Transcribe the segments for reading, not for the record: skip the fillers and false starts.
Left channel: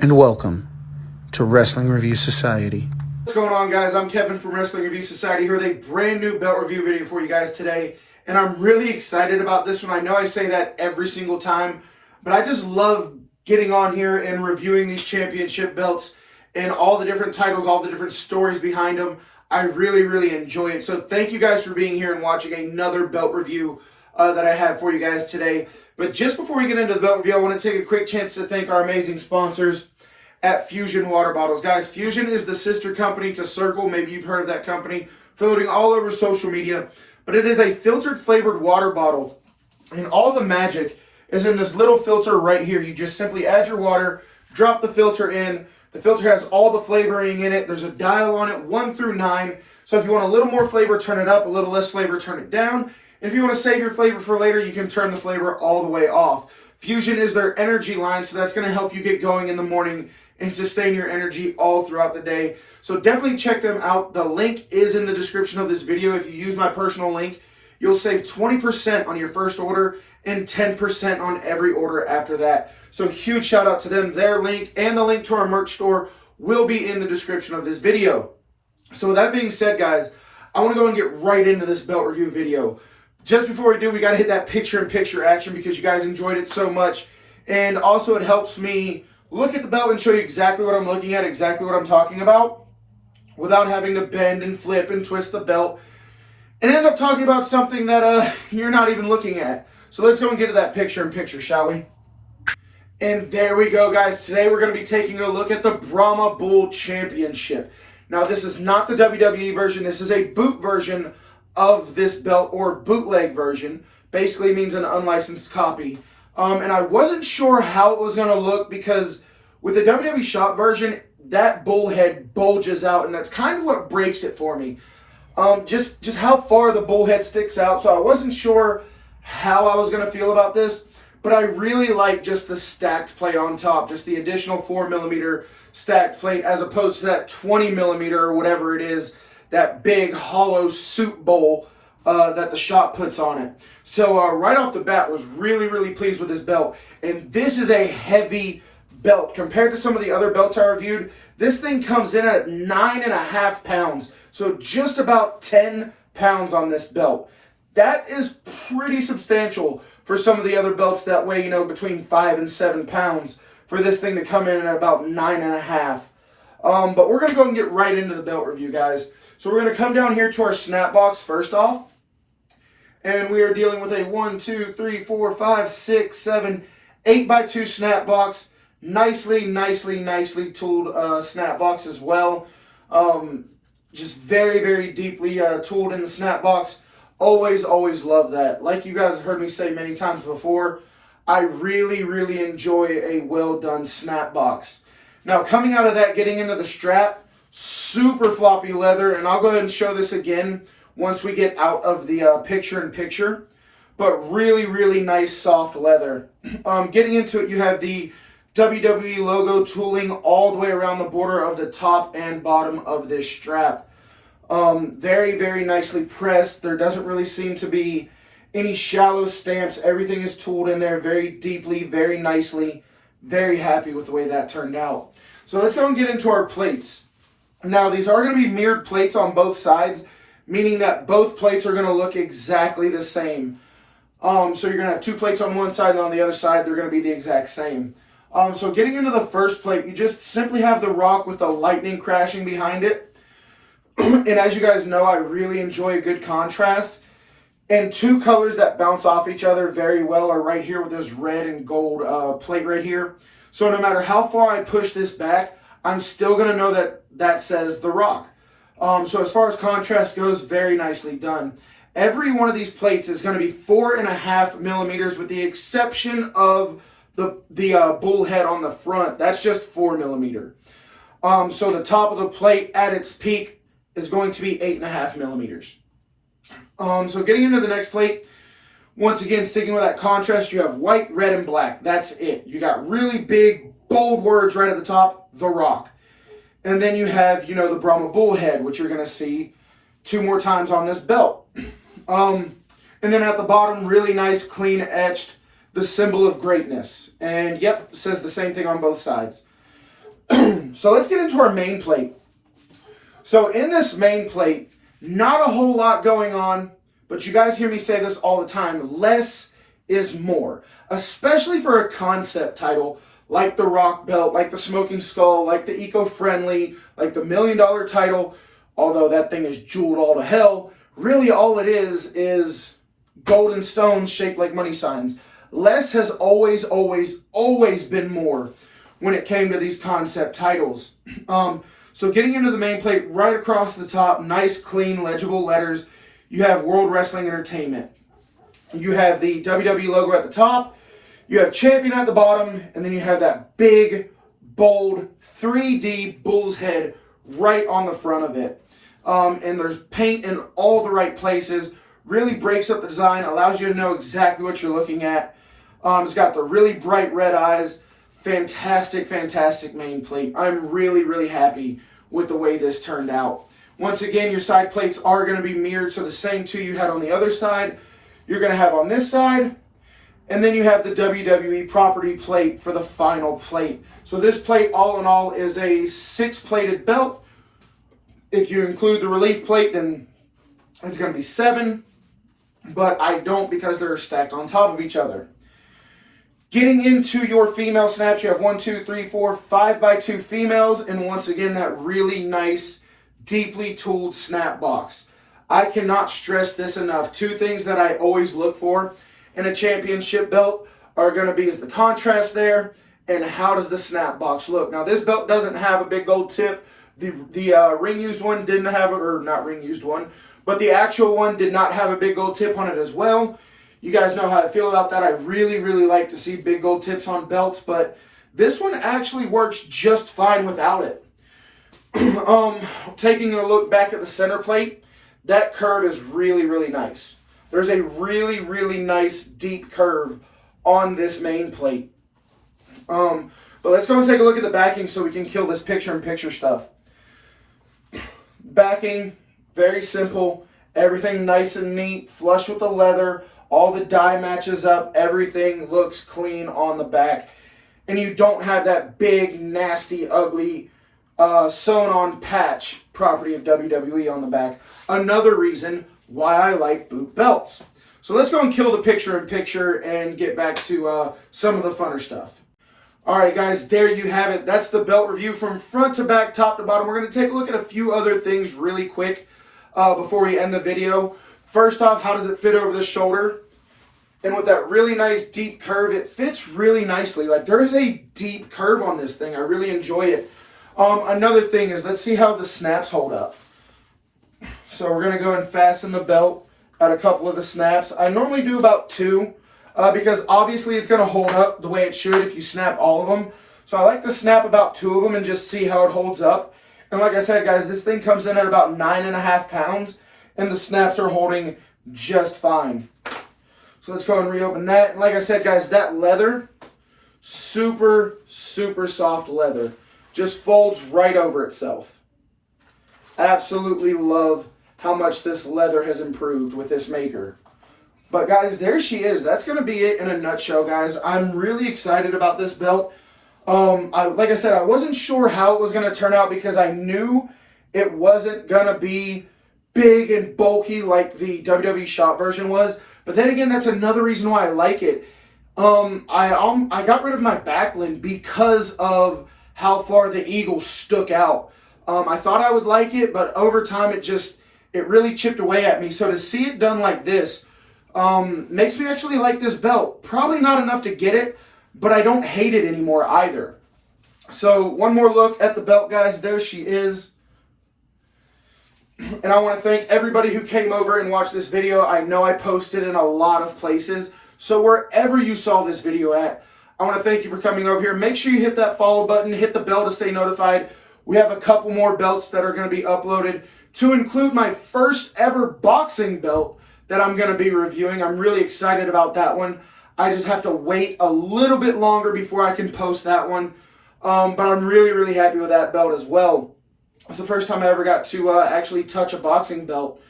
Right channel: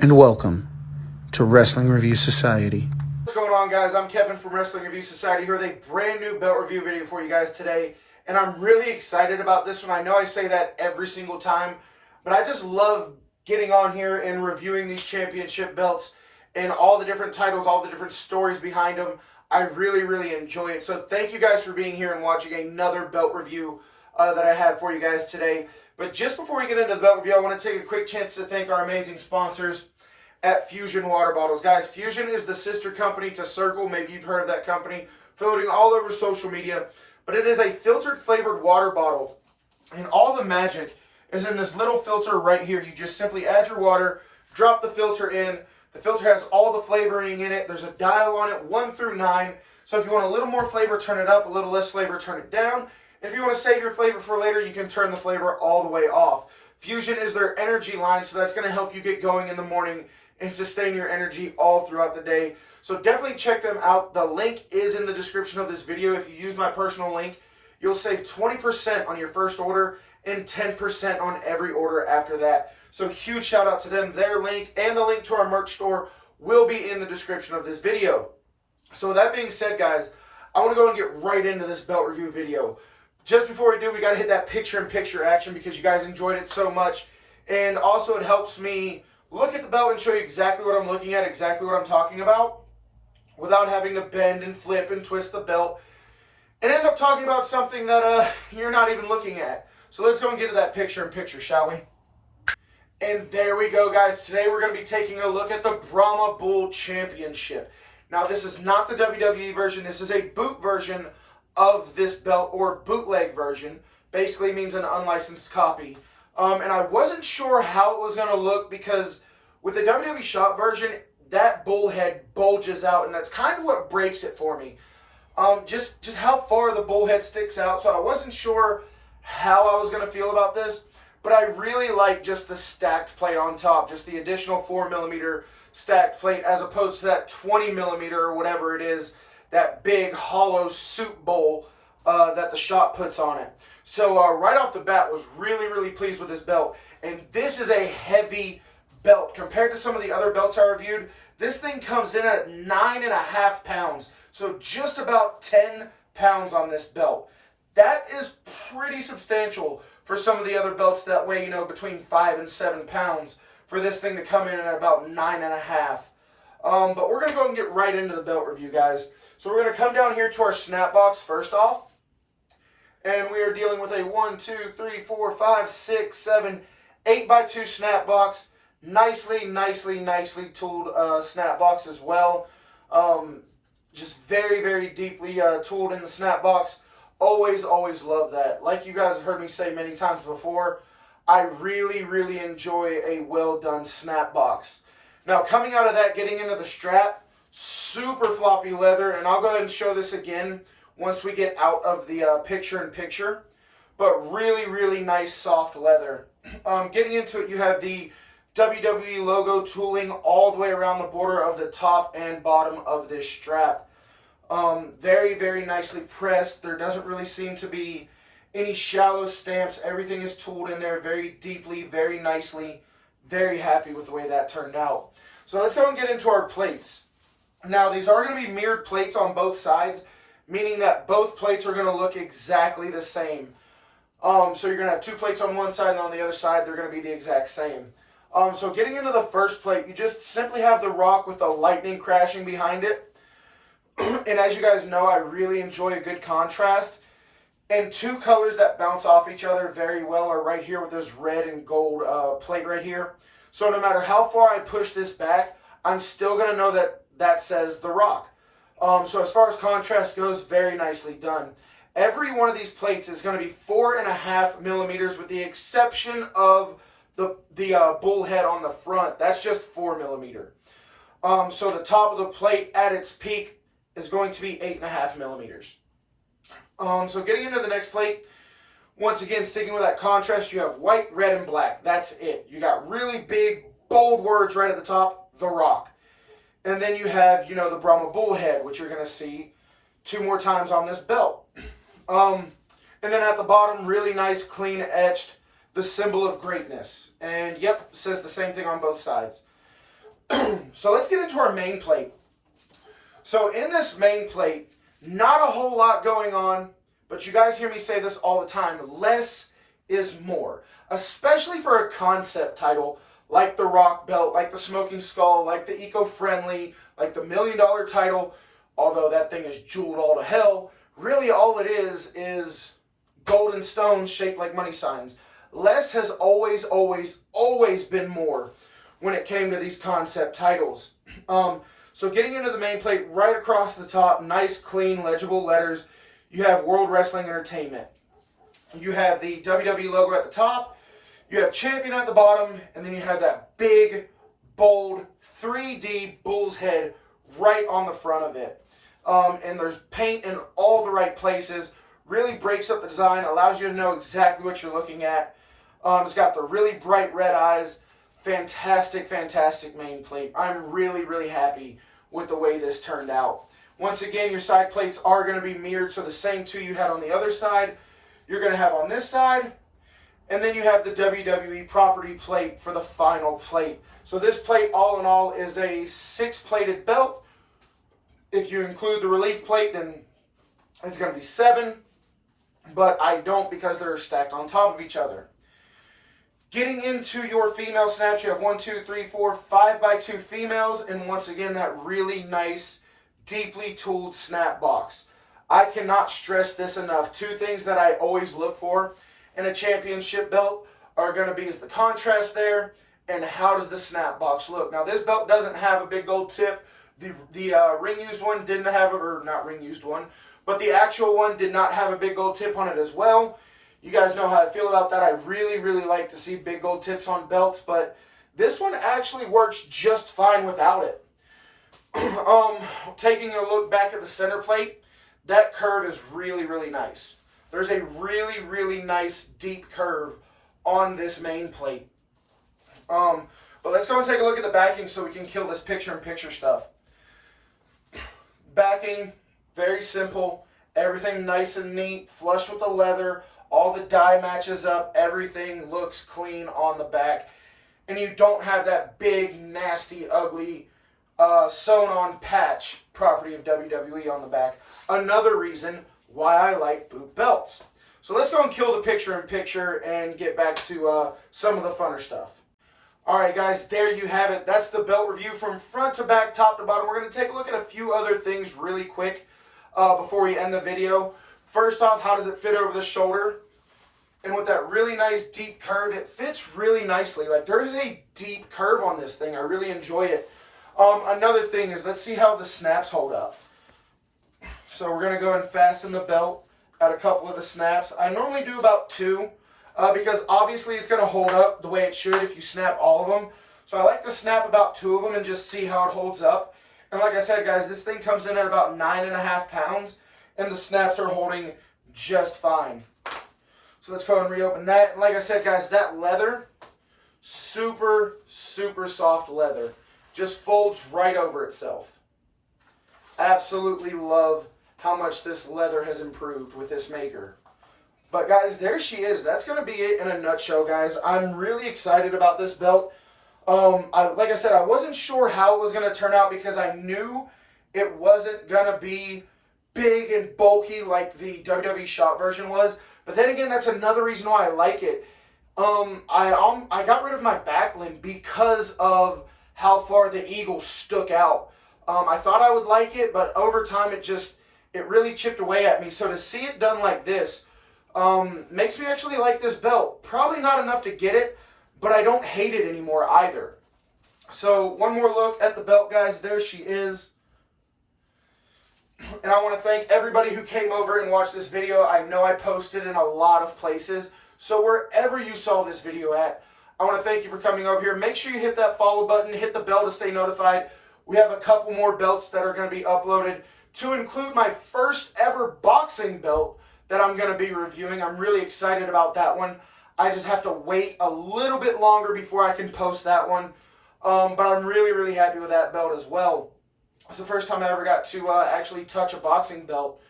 and welcome to Wrestling Review Society. What's going on, guys? I'm Kevin from Wrestling Review Society here with a brand new belt review video for you guys today, and I'm really excited about this one. I know I say that every single time, but I just love getting on here and reviewing these championship belts and all the different titles, all the different stories behind them. I really enjoy it. So thank you guys for being here and watching another belt review that I have for you guys today. But just before we get into the belt review, I want to take a quick chance to thank our amazing sponsors at Fusion Water Bottles. Guys, Fusion is the sister company to Circle. Maybe you've heard of that company. Floating all over social media. But it is a filtered flavored water bottle. And all the magic is in this little filter right here. You just simply add your water, drop the filter in. The filter has all the flavoring in it. There's a dial on it, 1 through 9. So if you want a little more flavor, turn it up. A little less flavor, turn it down. And if you want to save your flavor for later, you can turn the flavor all the way off. Fusion is their energy line, so that's going to help you get going in the morning and sustain your energy all throughout the day. So definitely check them out. The link is in the description of this video. If you use my personal link, you'll save 20% on your first order and 10% on every order after that. So huge shout out to them. Their link and the link to our merch store will be in the description of this video. So with that being said, guys, I want to go and get right into this belt review video. Just before we do, we got to hit that picture-in-picture action because you guys enjoyed it so much. And also it helps me look at the belt and show you exactly what I'm looking at, exactly what I'm talking about, without having to bend and flip and twist the belt and end up talking about something that you're not even looking at. So let's go and get to that picture-in-picture, shall we? And there we go, guys. Today we're going to be taking a look at the Brahma Bull Championship. Now, this is not the WWE version. This is a boot version of this belt, or bootleg version. Basically means an unlicensed copy. And I wasn't sure how it was going to look because with the WWE shop version, that bull head bulges out, and that's kind of what breaks it for me. Just how far the bull head sticks out. So I wasn't sure how I was going to feel about this, but I really like just the stacked plate on top, just the additional 4mm stacked plate as opposed to that 20mm or whatever it is, that big hollow soup bowl that the shop puts on it. So right off the bat, was really pleased with this belt. And this is a heavy belt. Compared to some of the other belts I reviewed, this thing comes in at 9.5 pounds. So just about 10 pounds on this belt. That is pretty substantial for some of the other belts that weigh, between 5 and 7 pounds. For this thing to come in at about 9.5. But we're going to go and get right into the belt review, guys. So we're going to come down here to our snap box first off. And we are dealing with a 1, 2, 3, 4, 5, 6, 7, 8x2 snap box. Nicely tooled snap box as well. Just very deeply tooled in the snap box. Always love that. Like you guys have heard me say many times before, I really enjoy a well done snap box. Now coming out of that, getting into the strap, super floppy leather, and I'll go ahead and show this again once we get out of the picture-in-picture, but really nice soft leather. Getting into it, you have the WWE logo tooling all the way around the border of the top and bottom of this strap. Very nicely pressed. There doesn't really seem to be any shallow stamps. Everything is tooled in there very deeply, very nicely. Very happy with the way that turned out. So let's go and get into our plates. Now, these are going to be mirrored plates on both sides, meaning that both plates are going to look exactly the same. So you're going to have 2 plates on one side, and on the other side, they're going to be the exact same. So getting into the first plate, you just simply have the Rock with the lightning crashing behind it. And as you guys know, I really enjoy a good contrast. And 2 colors that bounce off each other very well are right here with this red and gold plate right here. So no matter how far I push this back, I'm still going to know that that says The Rock. So as far as contrast goes, very nicely done. Every one of these plates is going to be 4.5mm with the exception of the bull head on the front. That's just 4mm. So the top of the plate at its peak is going to be 8.5mm. So getting into the next plate, once again, sticking with that contrast, you have white, red, and black. That's it. You got really big, bold words right at the top, The Rock. And then you have, the Brahma Bullhead, which you're going to see 2 more times on this belt. And then at the bottom, really nice, clean etched, the symbol of greatness. And yep, it says the same thing on both sides. So let's get into our main plate. So in this main plate, not a whole lot going on, but you guys hear me say this all the time. Less is more, especially for a concept title like the Rock Belt, like the Smoking Skull, like the Eco-Friendly, like the $1 Million title. Although that thing is jeweled all to hell, really all it is golden stones shaped like money signs. Less has always been more when it came to these concept titles. So getting into the main plate, right across the top, nice, clean, legible letters, you have World Wrestling Entertainment. You have the WWE logo at the top, you have Champion at the bottom, and then you have that big, bold, 3D bull's head right on the front of it. And there's paint in all the right places, really breaks up the design, allows you to know exactly what you're looking at. It's got the really bright red eyes. Fantastic main plate. I'm really happy with the way this turned out. Once again, your side plates are going to be mirrored, so the same two you had on the other side, you're going to have on this side. And then you have the WWE property plate for the final plate. So this plate, all in all, is a 6-plated belt. If you include the relief plate, then it's going to be 7. But I don't, because they're stacked on top of each other. Getting into your female snaps, you have 1, 2, 3, 4, 5x2 females, and once again, that really nice, deeply tooled snap box. I cannot stress this enough. 2 things that I always look for in a championship belt are going to be is the contrast there, and how does the snap box look. Now, this belt doesn't have a big gold tip. The ring-used one didn't have, or not ring-used one, but the actual one did not have a big gold tip on it as well. You guys know how I feel about that. I really like to see big gold tips on belts, but this one actually works just fine without it. Taking a look back at the center plate, that curve is really nice. There's a really nice deep curve on this main plate. But let's go and take a look at the backing so we can kill this picture-in-picture stuff. Backing, very simple. Everything nice and neat, flush with the leather. All the dye matches up. Everything looks clean on the back. And you don't have that big, nasty, ugly, sewn-on patch property of WWE on the back. Another reason why I like boot belts. So let's go and kill the picture-in-picture and get back to some of the funner stuff. Alright guys, there you have it. That's the belt review from front to back, top to bottom. We're going to take a look at a few other things really quick before we end the video. First off, how does it fit over the shoulder? And with that really nice deep curve, it fits really nicely. Like, there's a deep curve on this thing. I really enjoy it. Another thing is, let's see how the snaps hold up. So we're going to go and fasten the belt at a couple of the snaps. I normally do about 2 because obviously it's going to hold up the way it should if you snap all of them. So I like to snap about 2 of them and just see how it holds up. And like I said, guys, this thing comes in at about 9.5 pounds, and the snaps are holding just fine. So let's go and reopen that. And like I said, guys, that leather, super soft leather. Just folds right over itself. Absolutely love how much this leather has improved with this maker. But guys, there she is. That's going to be it in a nutshell, guys. I'm really excited about this belt. Like I said, I wasn't sure how it was going to turn out because I knew it wasn't going to be big and bulky like the WWE shop version was. But then again, that's another reason why I like it. I got rid of my backland because of how far the eagle stuck out. I thought I would like it, but over time it really chipped away at me. So to see it done like this makes me actually like this belt. Probably not enough to get it, but I don't hate it anymore either. So one more look at the belt, guys. There she is. And I want to thank everybody who came over and watched this video. I know I posted in a lot of places. So wherever you saw this video at, I want to thank you for coming over here. Make sure you hit that follow button, hit the bell to stay notified. We have a couple more belts that are going to be uploaded to include my first ever boxing belt that I'm going to be reviewing. I'm really excited about that one. I just have to wait a little bit longer before I can post that one. But I'm really happy with that belt as well. It's the first time I ever got to actually touch a boxing belt.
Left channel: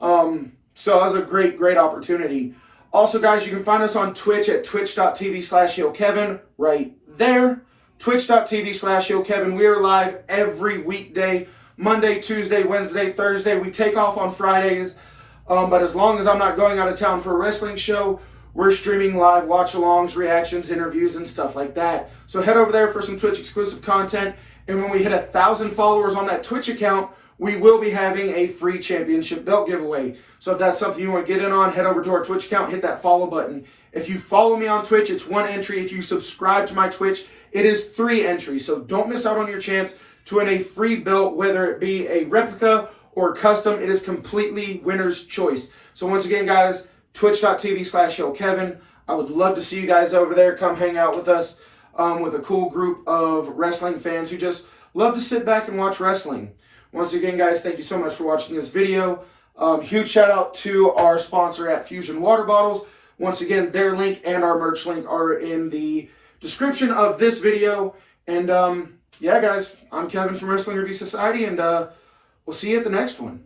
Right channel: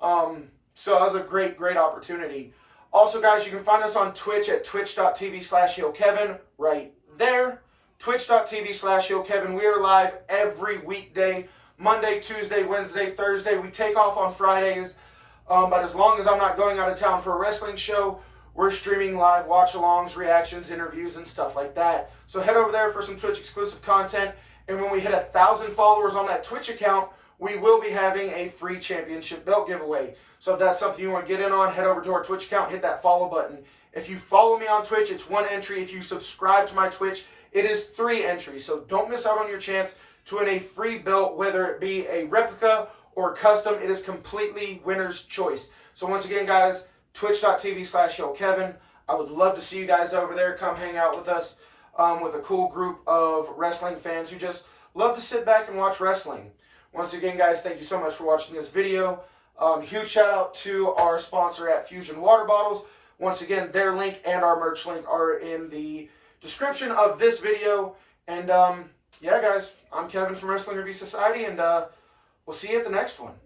So it was a great opportunity. Also, guys, you can find us on Twitch at twitch.tv/HeelKevin right there. twitch.tv/YoKevin. We are live every weekday, Monday, Tuesday, Wednesday, Thursday. We take off on Fridays, but as long as I'm not going out of town for a wrestling show, we're streaming live watch-alongs, reactions, interviews, and stuff like that. So head over there for some Twitch exclusive content. And when we hit 1,000 followers on that Twitch account, we will be having a free championship belt giveaway. So if that's something you want to get in on, head over to our Twitch account, hit that follow button. If you follow me on Twitch, it's 1 entry. If you subscribe to my Twitch, it is 3 entries. So don't miss out on your chance to win a free belt, whether it be a replica or custom. It is completely winner's choice. So once again, guys, twitch.tv/YoKevin. I would love to see you guys over there. Come hang out with us with a cool group of wrestling fans who just love to sit back and watch wrestling. Once again, guys, thank you so much for watching this video. Huge shout out to our sponsor at Fusion Water Bottles. Once again, their link and our merch link are in the description of this video. And yeah, guys, I'm Kevin from Wrestling Review Society, and we'll see you at the next one.